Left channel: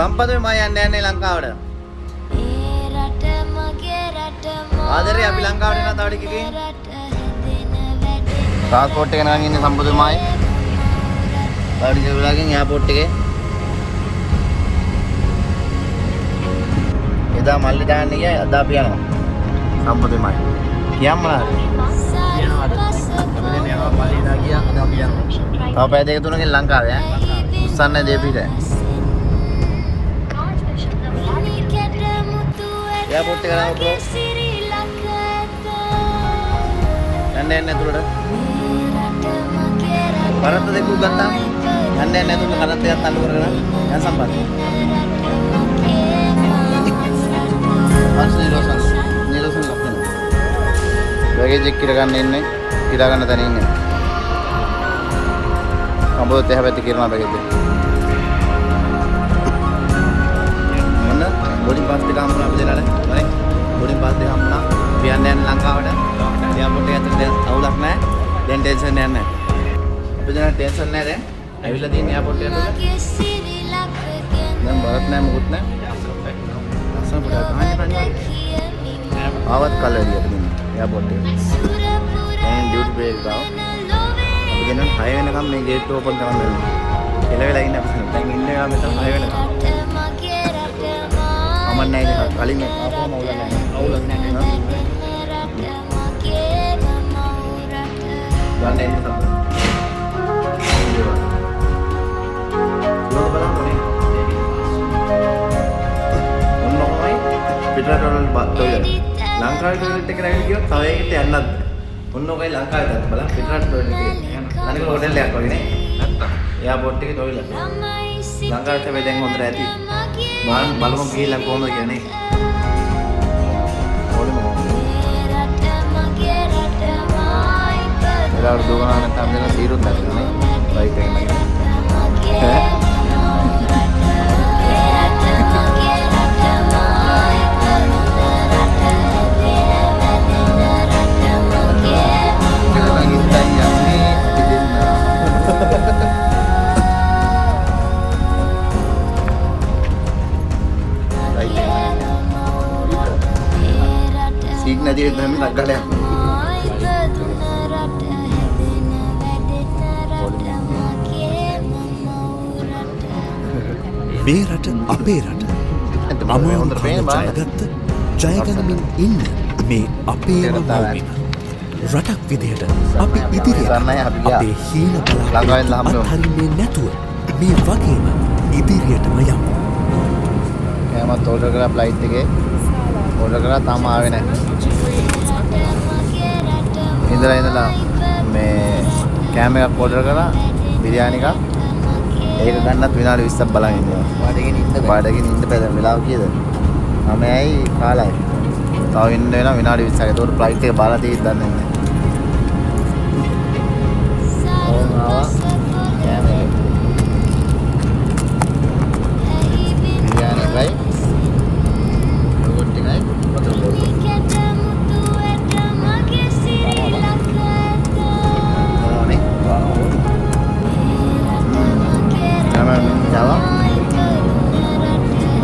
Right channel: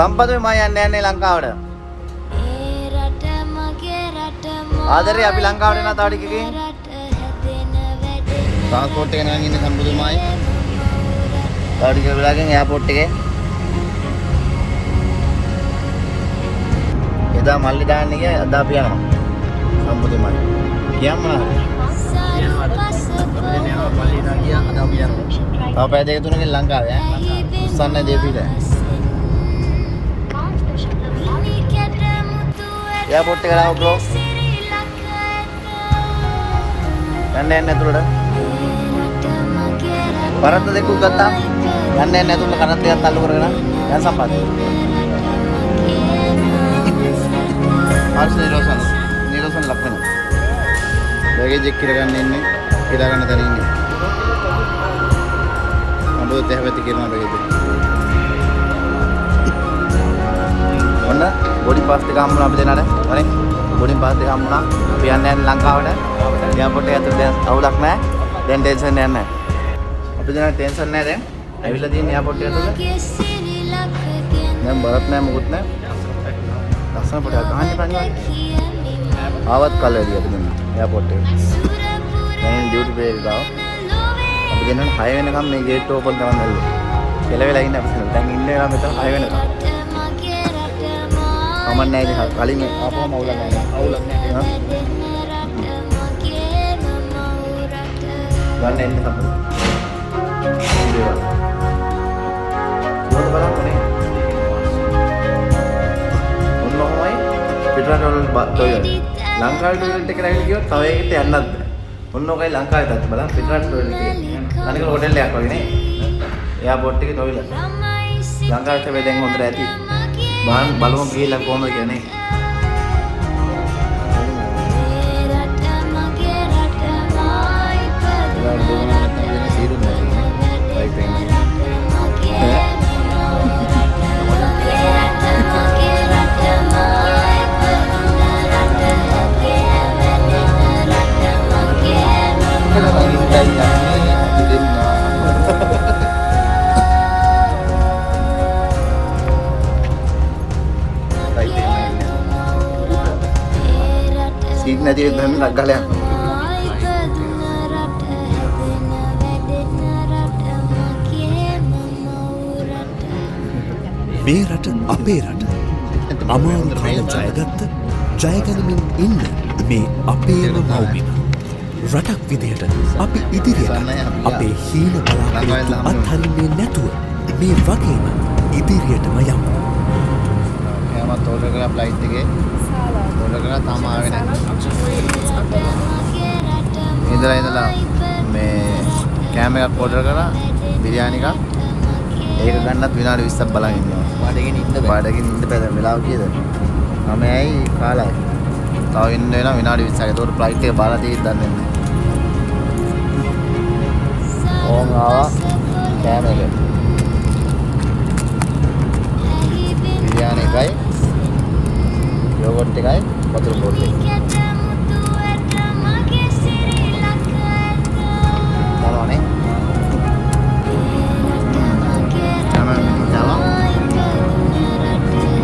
සම්පත මම යන්නේ ලංකාවට. ආදරේ අපි ලංකාවට යනවා තව ටිකකින්. ට්‍රාන්ස්පෝර්ට් එක නගන් ඉන්නේ සම්පතමයි. තව ටික වෙලාවකින් එයාපෝට් එකේ. එදා මල්ලි දාන්න ගියා අද අපි යනවා. සම්පතමයි. කියන්න මොනවාද? මල්ලි දා ගියා අද අපි යනවා. තව පැය දෙක තුනකින් ලංකාවේ ඈ. උස්සන්න දෙපිට. එයාපෝට් එකට ආව බ්‍රෝ. යන්න ඇතුළට. කරත්ත දෙකක් ගත්තා. යන්න ඇතුළට කරත්ත එකක් අල්ල කරගෙන යන් සම්පත්. ආන්සර් නිරෝසන් ලක්ෂණ. බෑගේජ් එක කිර ගන්න ඉන්නේ. කිරා ගන්න තැන ඉන්නේ. අඹොත් එහෙපැති කිරනවා බෑගේජ් එක. මොන බෝඩින් පාස් දෙක හම්බුණා අපි දෙනාට. වනේ බෝඩින් පාස් දෙක හම්බුණා. අපි යන්නේ ලංකාවට. එයාපෝට් එක ඇතුළේ දැන් අවුලක් නැහැ. දැන් ටෙන්ෂන් එකක් නැහැ. අපි දැන් ටෙන්ෂන් නැහැ දැන්. ඇවිල්ලා තියෙන එයාපෝට් එක ඇතුළේ. දැන් බරත් නැහැ මොකුත් නැහැ. ලස්සන පොඩක් ගහන්න පන්නේ. ආවත් කලරිය අපි දෙන්න එයාපෝට් එක. දැන් ඩියුටි පේ එක ගාව. අපි ගෙනන 6 වෙනකම් මේ ගේට් ඕපන් කරන්න ඇල්ලු. කෙලවෙලා ඉන්න අපි දැන් ඉන්නේ නම් මෙතන 6 වෙනකම්. අමන්නේ නැහැ කලින් ආපුවම අවුලක් නැහැ. අවුලක් නැහැ. ගන්න එන්න තමයි. දේවා. මොකද බලන්නේ? ඔන්නෝමයි පිටරට වල ටොයිලට්. ලංකාවේ ටොයිලට් එකට ඇවිල්ලා ගියොත් තව එකකට යන්නත් බෑ. ඔන්නෝකයි ලංකාවේ දැක්ක බලන්න පිටරට ටොයිලට් එක. අනික හොටෙල් එකක් වගේ නේ. එයාපෝට් එකේ ටොයිලට්. ලංකාවේ තමයි දැන් හොඳට ඇති. බලමු ගිහලා කොහොමද කියන්නේ. Kita berdua tampilnya biru nggak sih? Baik pengen. Signa dia dah nak galak. මේ රට අපේ රට. අමාරු කාල ජයගත්ත ජයගැනමින් ඉන්න මේ අපේම මව්බිම. රටක් විදිහට අපි ඉදිරියට අපේ හීන බලාපොරොත්තු අත්හරින්නේ නැතුව මේ වගේම ඉදිරියටම යමු. එයාමත් ඕඩර් කරලා ෆ්ලයිට් එකේ ඕඩර් කරලා තාම ආවේ නැහැ. ඉඳලා මේ කෑම එකක් ඕඩර් කරලා බිරියානි එකක් ඒක ගන්නත් විනාඩි 20ක් බලන් ඉන්නවා. බඩගින්න ඉන්න බෑ දැන් වෙලාව කීයද? 9යි කාලයි. තව ඉන්න වෙනවා විනාඩි 20ක්. ඒතකොට ෆ්ලයිට් එක බාලා තියෙද්දි දන්නේ නැහැ. ඕවා කෑම එක. බිරියානි එකයි යෝගට් එකයි වතුර බෝතල් එකයි.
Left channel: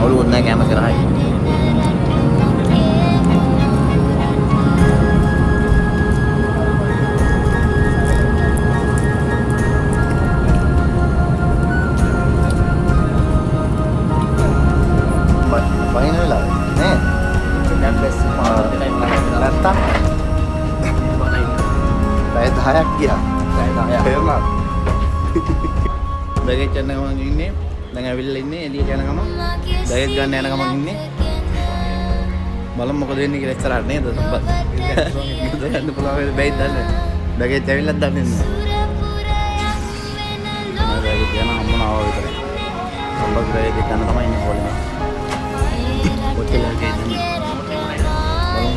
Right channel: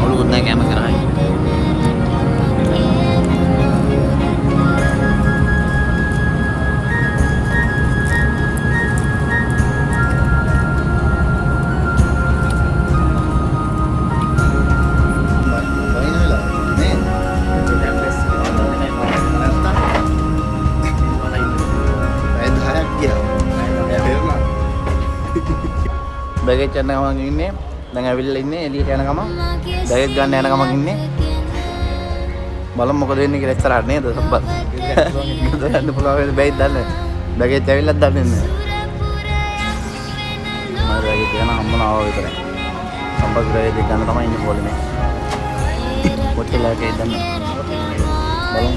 Lalu naik yang makin high. Final lah, ni. Dan best. Nata. Saya dah dia. Saya terima. Bagai channel orang ini. දැන් ඇවිල්ලා ඉන්නේ එළියට යන ගමන් බෑග් ගන්න යන ගමන් ඉන්නේ බලමු මොකද වෙන්නේ කියලා ඉස්සරහට නේද සම්පත් ගන්න පුළුවන් වෙයි බෑග් දන්නේ බෑග් ඇවිල්ලා දන්නේ නැහැ මම බෑග් ගන්න හම්බුණා විතරයි සම්පත් බෑග් ගන්න තමයි ඉන්නේ පොළේ මේ ඔතේ ලාගේ දන්නේ බලමු